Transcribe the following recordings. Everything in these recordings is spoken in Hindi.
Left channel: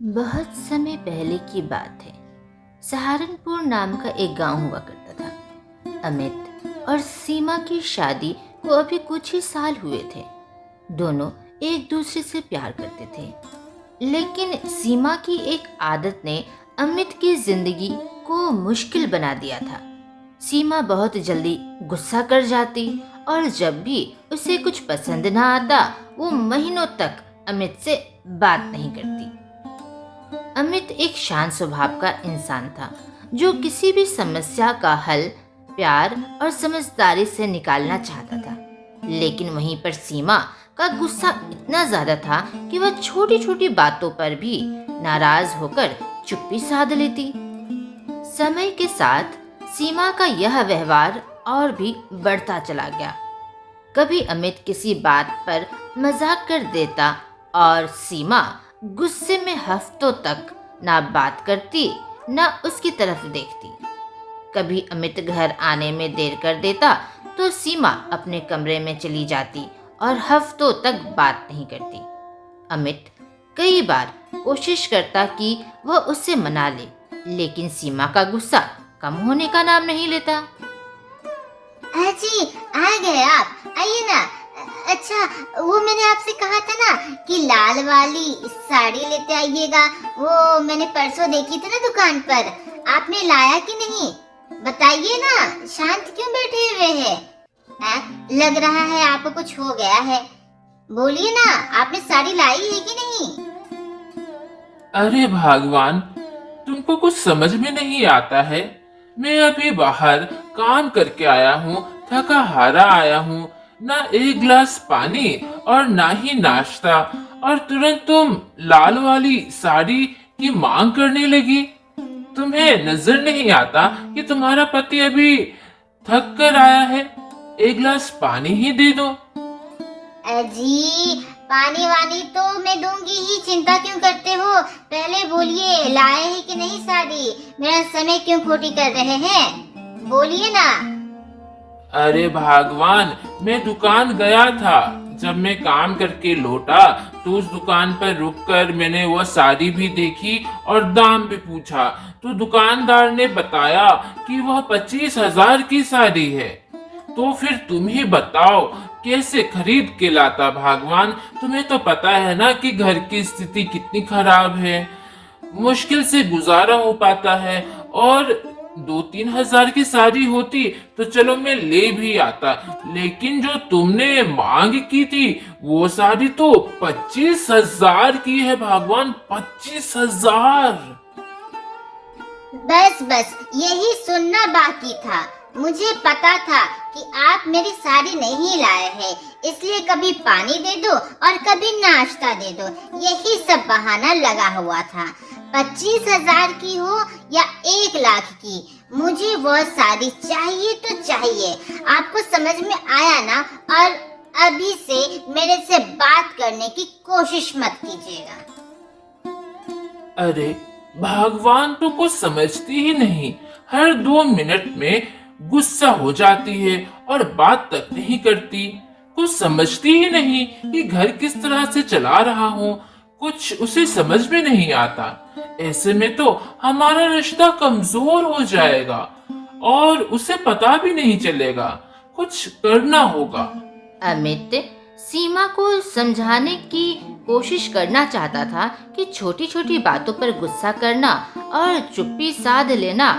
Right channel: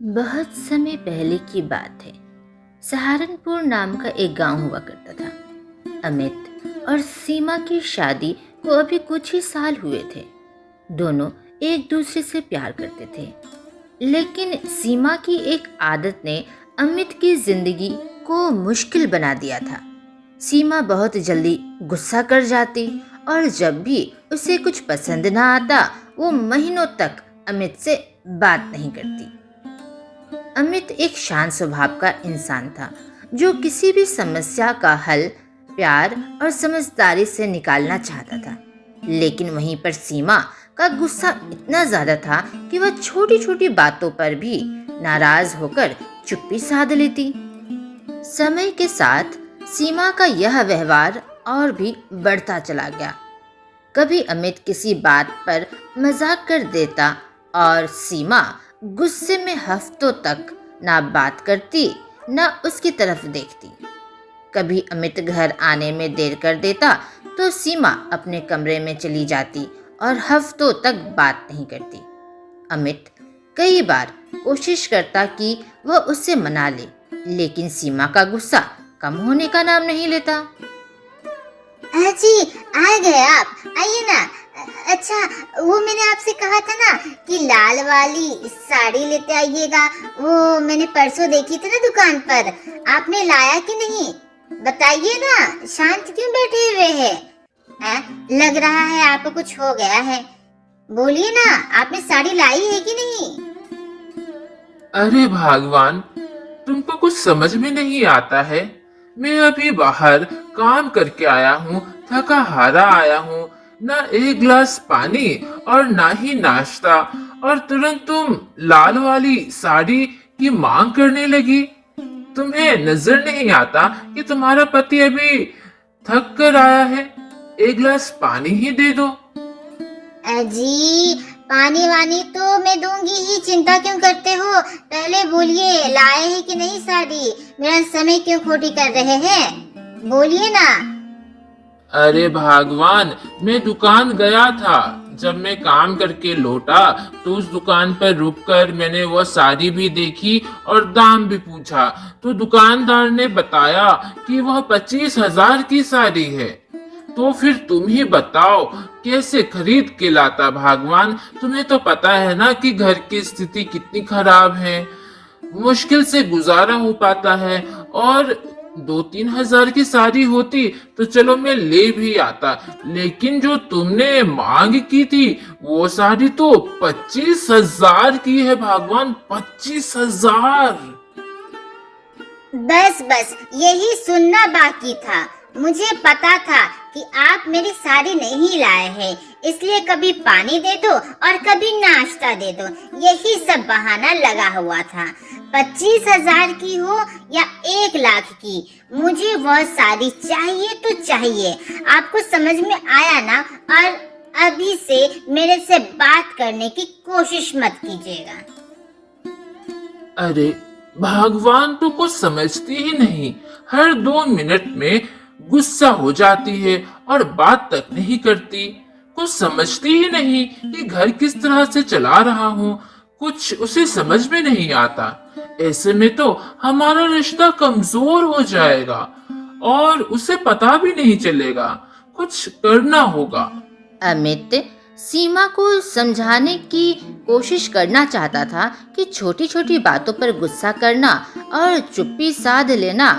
बहुत समय पहले की बात है। सहारनपुर नाम का एक गांव हुआ करता था। अमित और सीमा की शादी को अभी कुछ ही साल हुए थे। दोनों एक दूसरे से प्यार करते थे, लेकिन सीमा की एक आदत ने अमित की जिंदगी को मुश्किल बना दिया था। सीमा बहुत जल्दी गुस्सा कर जाती और जब भी उसे कुछ पसंद ना आता वो महीनों तक अमित से बात नहीं करती। अमित एक शांत स्वभाव का इंसान था जो किसी भी समस्या का हल प्यार और समझदारी से निकालना चाहता था। लेकिन वहीं पर सीमा का गुस्सा इतना ज्यादा था कि वह छोटी छोटी बातों पर भी नाराज होकर चुप्पी साध लेती। समय के साथ सीमा का यह व्यवहार और भी बढ़ता चला गया। कभी अमित किसी बात पर मजाक कर देता और सीमा गुस्से में हफ्तों तक ना बात करती ना उसकी तरफ देखती। कभी अमित घर आने में देर कर देता तो सीमा अपने कमरे में चली जाती और हफ्तों तक बात नहीं करती। अमित कई बार कोशिश करता कि वह उसे मना ले, लेकिन सीमा का गुस्सा कम होने का नाम नहीं लेता। जी आ गए आप, आइए ना। अच्छा, वो मैंने आपसे कहा था ना कि लाल वाली साड़ी लेते आइएगा। वो मैंने परसों देखी थी ना दुकान पर, आपने लाया कि नहीं? बताइए ना, शांत क्यों बैठे हुए हैं? लग रहा है आपको कुछ हो गया है। बोलिए ना, आपने साड़ी लाई है कि नहीं? अरे भगवान, तुमको कुछ समझ में नहीं आता है। मैं अभी बाहर काम करके आया हूँ, थका हारा आया हूँ, ना एक गिलास पानी और ना ही नाश्ता, और तुरंत तुम लाल वाली साड़ी की मांग करने लगी। तुम्हें नजर नहीं आता कि तुम्हारा पति अभी थक कर आया है? एक गिलास पानी ही दे दो। जी पानी वानी तो मैं दूंगी ही, चिंता क्यों करते हो? पहले बोलिए, लाए हैं कि नहीं साड़ी? मेरा समय क्यों खोटी कर रहे हैं? बोलिए ना। अरे भगवान, मैं दुकान गया था। जब मैं काम करके लौटा तो उस दुकान पर रुककर मैंने वह साड़ी भी देखी और दाम भी पूछा, तो दुकानदार ने बताया कि वह 25,000 की साड़ी है। तो फिर तुम ही बताओ कैसे खरीद के लाता भगवान। तुम्हें तो पता है ना कि घर की स्थिति कितनी खराब है, मुश्किल से गुजारा हो पाता है। और 2-3 हजार की साड़ी होती तो चलो मैं ले भी आता, लेकिन जो तुमने मांग की थी वो साड़ी तो 25,000 की है भगवान, 25,000। बस बस यही सुनना बाकी था। मुझे पता था कि आप मेरी साड़ी नहीं लाए हैं, इसलिए कभी पानी दे दो और कभी नाश्ता दे दो, यही सब बहाना लगा हुआ था। 25,000 की हो या 1 लाख की, मुझे वह साड़ी चाहिए तो चाहिए। आपको समझ में आया ना? और अभी से मेरे से बात करने की कोशिश मत कीजिएगा। अरे भगवान, तो कुछ समझती ही नहीं। हर 2 मिनट में गुस्सा हो जाती है और बात तक नहीं करती। कुछ समझती ही नहीं कि घर किस तरह से चला रहा हूँ। कुछ उसे समझ में नहीं आता। ऐसे में तो हमारा रिश्ता कमजोर हो जाएगा और उसे पता भी नहीं चलेगा। कुछ करना होगा। अमित सीमा को समझाने की कोशिश करना चाहता था कि छोटी छोटी बातों पर गुस्सा करना और चुप्पी साध लेना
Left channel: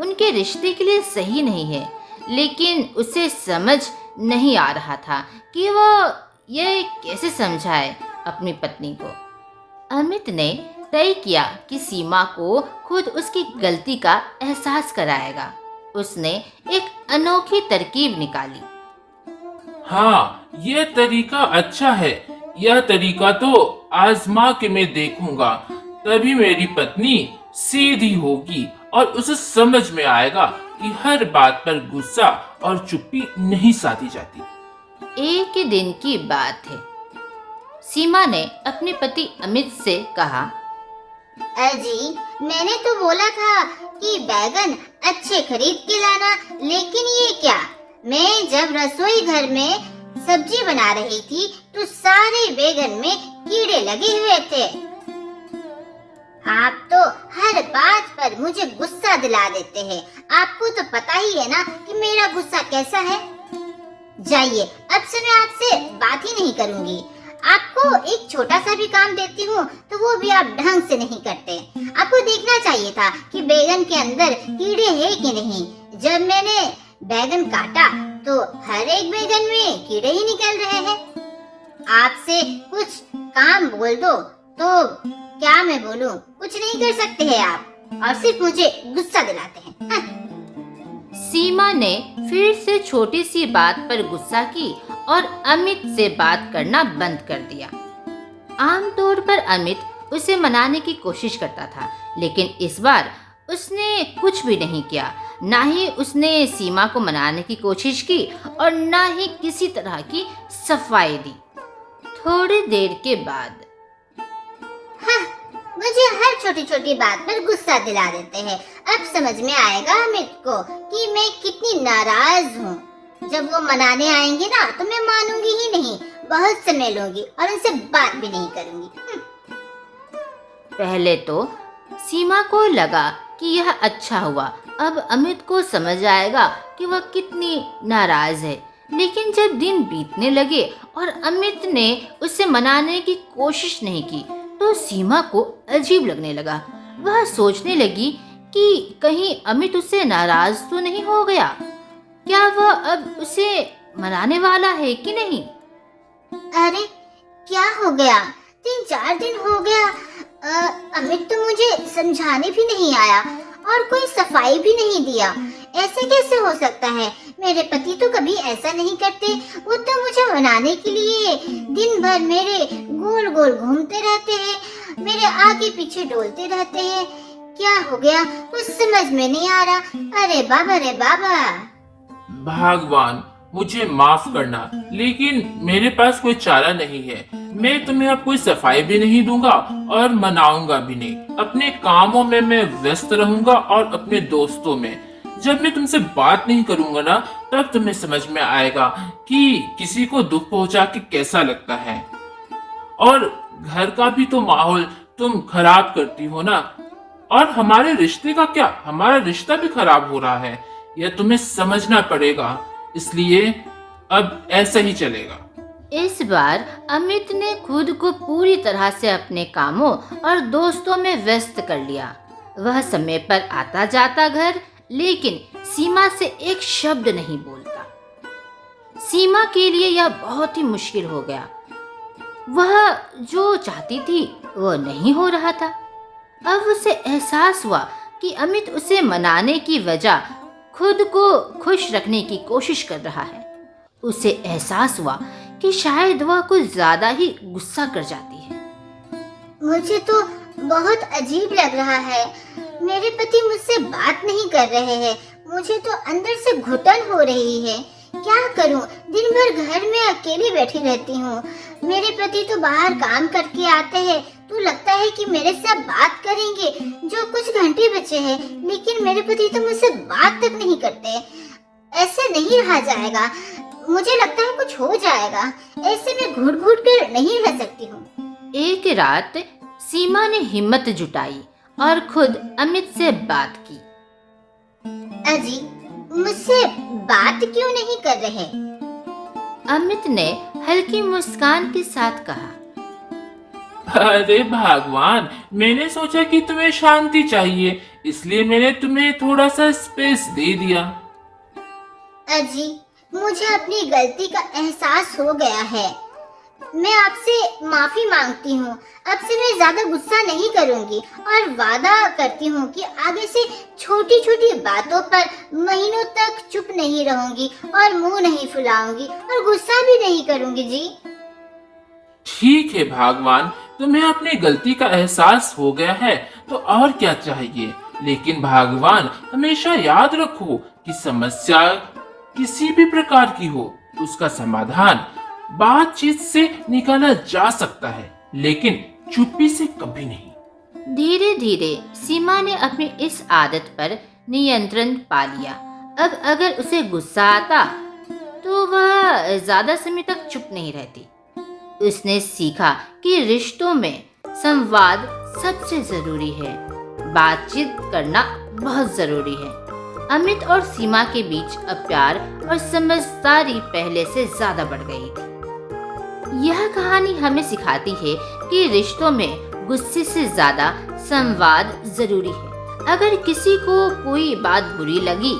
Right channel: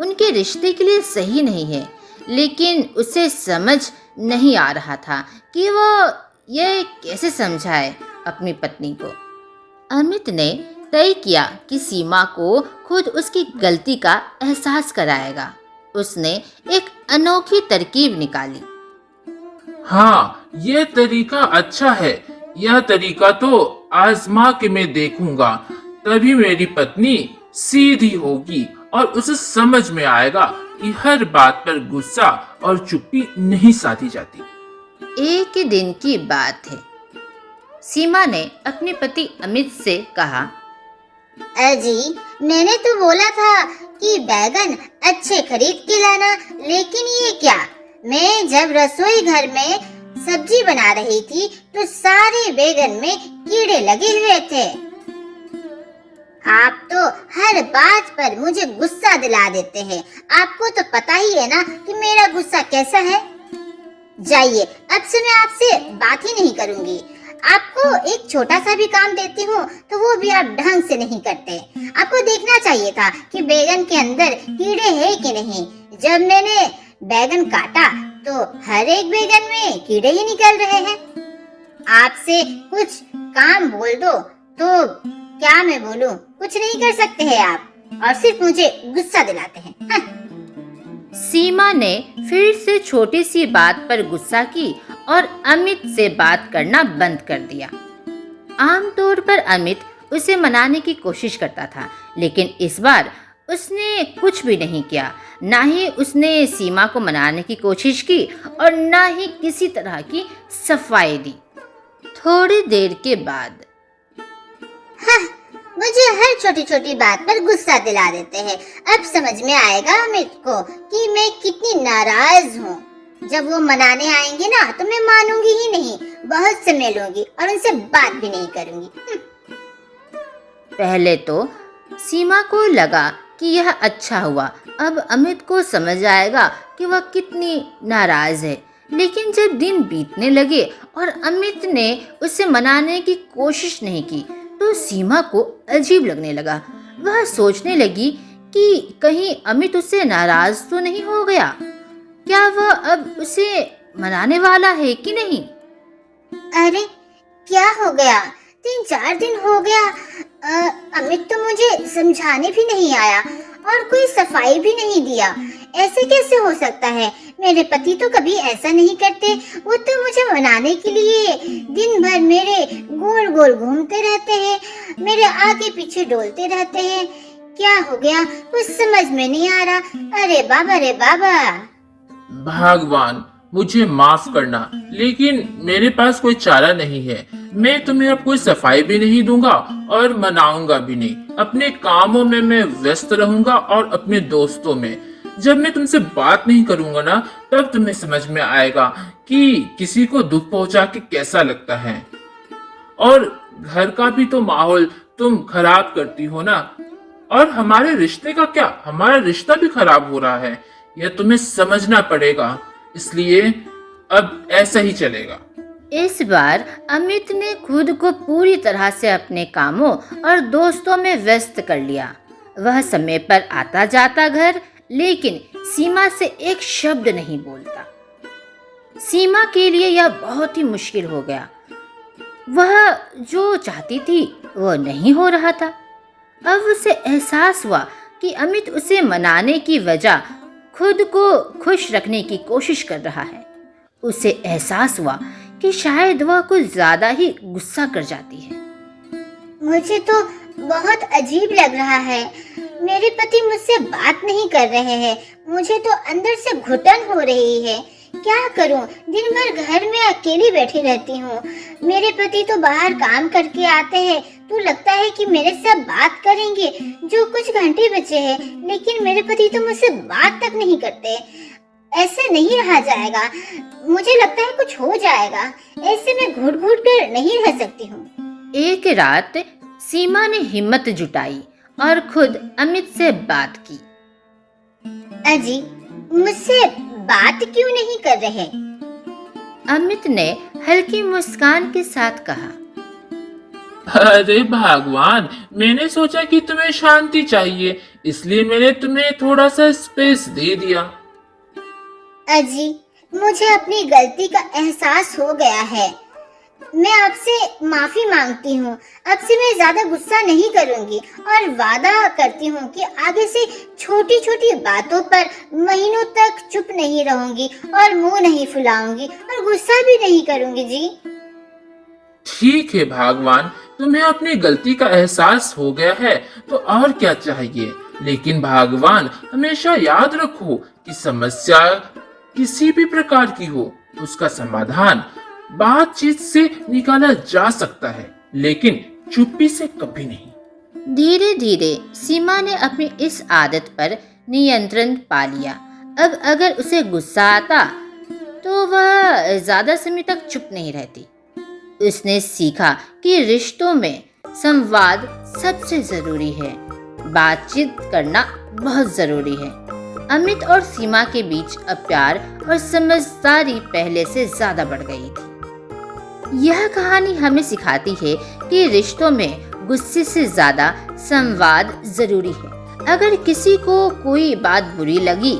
उनके रिश्ते के लिए सही नहीं है, लेकिन उसे समझ नहीं आ रहा था कि वह यह कैसे समझाए अपनी पत्नी को। अमित ने तय किया कि सीमा को खुद उसकी गलती का एहसास कराएगा। उसने एक अनोखी तरकीब निकाली। हाँ, यह तरीका अच्छा है। यह तरीका तो आजमा के मैं देखूंगा, तभी मेरी पत्नी सीधी होगी और उसे समझ में आएगा कि हर बात पर गुस्सा और चुप्पी नहीं साधी जाती। एक दिन की बात है। सीमा ने अपने पति अमित से कहा, अजी मैंने तो बोला था कि बैगन अच्छे खरीद के लाना, लेकिन ये क्या? मैं जब रसोई घर में सब्जी बना रही थी तो सारे बैगन में कीड़े लगे हुए थे। आप तो हर बात पर मुझे गुस्सा दिला देते हैं। आपको तो पता ही है ना कि मेरा गुस्सा कैसा है। जाइए, अब से मैं आपसे बात ही नहीं करूंगी। आपको एक छोटा सा भी काम देती हूँ तो वो भी आप ढंग से नहीं करते। आपको देखना चाहिए था कि बैगन के अंदर कीड़े हैं कि नहीं। जब मैंने बैगन काटा तो हर एक बैगन में कीड़े ही निकल रहे हैं। आपसे कुछ काम बोल दो तो क्या मैं बोलूं, कुछ नहीं कर सकते हैं आप और सिर्फ मुझे गुस्सा दिलाते हैं। हाँ। सीमा ने फिर से छोटी सी बात पर गुस्सा की और अमित से बात करना बंद कर दिया। आमतौर पर अमित उसे मनाने की कोशिश करता था, लेकिन इस बार उसने कुछ भी नहीं किया। ना ही उसने सीमा को मनाने की कोशिश की और ना ही किसी तरह की सफाई दी। थोड़ी देर के बाद हाँ, मुझे हर छोटी छोटी बात पर गुस्सा दिला देते हैं। अब समझ में आएगा अमित को कि मैं कितनी नाराज हूँ। जब वो मनाने आएंगे ना तो मैं मानूंगी ही नहीं, बहुत समय लूंगी और उनसे बात भी नहीं करूंगी। पहले तो सीमा को लगा कि यह अच्छा हुआ, अब अमित को समझ आएगा कि वह कितनी नाराज है। लेकिन जब दिन बीतने लगे और अमित ने उसे मनाने की कोशिश नहीं की तो सीमा को अजीब लगने लगा। वह सोचने लगी कि कहीं अमित उससे नाराज तो नहीं हो गया। क्या वह अब उसे मनाने वाला है कि नहीं? अरे क्या हो गया, 3-4 दिन हो गया। अमित तो मुझे समझाने भी नहीं आया और कोई सफाई भी नहीं दिया। ऐसे कैसे हो सकता है? मेरे पति तो कभी ऐसा नहीं करते। वो तो मुझे मनाने के लिए दिन भर मेरे गोल गोल घूमते रहते हैं, मेरे आगे पीछे डोलते रहते हैं। क्या हो गया कुछ समझ में नहीं आ रहा। अरे बाबा रे बाबा। भगवान, मुझे माफ करना, लेकिन मेरे पास कोई चारा नहीं है। मैं तुम्हें अब कोई सफाई भी नहीं दूंगा और मनाऊंगा भी नहीं। अपने कामों में मैं व्यस्त रहूंगा और अपने दोस्तों में। जब मैं तुमसे बात नहीं करूंगा ना, तब तुम्हें समझ में आएगा कि किसी को दुख पहुंचा के कैसा लगता है। और घर का भी तो माहौल तुम खराब करती हो ना। और हमारे रिश्ते का क्या? हमारा रिश्ता भी खराब हो रहा है, यह तुम्हें समझना पड़ेगा। इसलिए अब ऐसा ही चलेगा। इस बार अमित ने खुद को पूरी तरह से अपने कामों और दोस्तों में व्यस्त कर लिया। वह समय पर आता जाता घर, लेकिन सीमा से एक शब्द नहीं बोलता। सीमा के लिए यह बहुत ही मुश्किल हो गया। वह जो चाहती थी वह नहीं हो रहा था। अब उसे एहसास हुआ कि अमित उसे मनाने की वजह खुद को खुश रखने की कोशिश कर रहा है। उसे एहसास हुआ कि शायद वह कुछ ज्यादा ही गुस्सा कर जाती है। मुझे तो बहुत अजीब लग रहा है। मेरे पति मुझसे बात नहीं कर रहे हैं। मुझे तो अंदर से घुटन हो रही है। क्या करूं? दिन भर घर में अकेली बैठी रहती हूँ। मेरे पति तो बाहर काम करके आते हैं तो लगता है कि मेरे साथ बात करेंगे जो कुछ घंटे बचे हैं, लेकिन मेरे पति तो मुझसे बात तक नहीं करते। ऐसे नहीं रहा जाएगा। मुझे लगता है कुछ हो जाएगा। ऐसे मैं घुट घुट कर नहीं रह सकती हूँ। एक रात सीमा ने हिम्मत जुटाई और खुद अमित से बात की। अजी, मुझसे बात क्यों नहीं कर रहे? अमित ने हल्की मुस्कान के साथ कहा। अरे भगवान, मैंने सोचा कि तुम्हें शांति चाहिए, इसलिए मैंने तुम्हें थोड़ा सा स्पेस दे दिया। अजी, मुझे अपनी गलती का एहसास हो गया है। मैं आपसे माफी मांगती हूँ। अब से मैं ज्यादा गुस्सा नहीं करूँगी और वादा करती हूँ कि आगे से छोटी छोटी बातों पर महीनों तक चुप नहीं रहूंगी और मुंह नहीं फुलाऊंगी और गुस्सा भी नहीं करूँगी जी। ठीक है भगवान, तुम्हें अपनी गलती का एहसास हो गया है तो और क्या चाहिए। लेकिन भगवान, हमेशा याद रखो कि समस्या किसी भी प्रकार की हो, उसका समाधान बातचीत से निकाला जा सकता है, लेकिन चुप्पी से कभी नहीं। धीरे धीरे सीमा ने अपनी इस आदत पर नियंत्रण पा लिया। अब अगर उसे गुस्सा आता तो वह ज़्यादा समय तक चुप नहीं रहती। उसने सीखा कि रिश्तों में संवाद सबसे ज़रूरी है, बातचीत करना बहुत ज़रूरी है। अमित और सीमा के बीच अब प्यार और समझदारी पहले से ज़्यादा बढ़ गई थी। यह कहानी हमें सिखाती है कि रिश्तों में गुस्से से ज़्यादा संवाद ज़रूरी है। अगर किसी को कोई बात बुरी लगी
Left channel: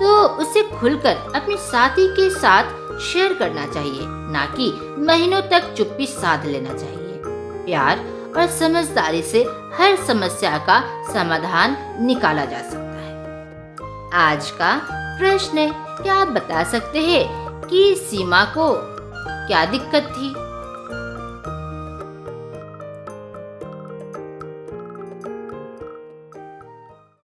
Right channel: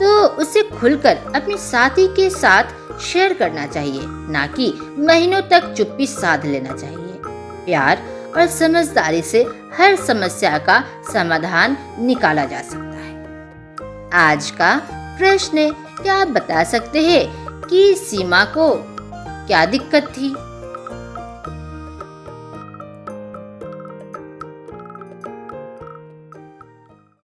तो उसे खुलकर अपने साथी के साथ शेयर करना चाहिए, ना कि महीनों तक चुप्पी साध लेना चाहिए। प्यार और समझदारी से हर समस्या का समाधान निकाला जा सकता है। आज का प्रश्न, क्या आप बता सकते हैं कि सीमा को क्या दिक्कत थी?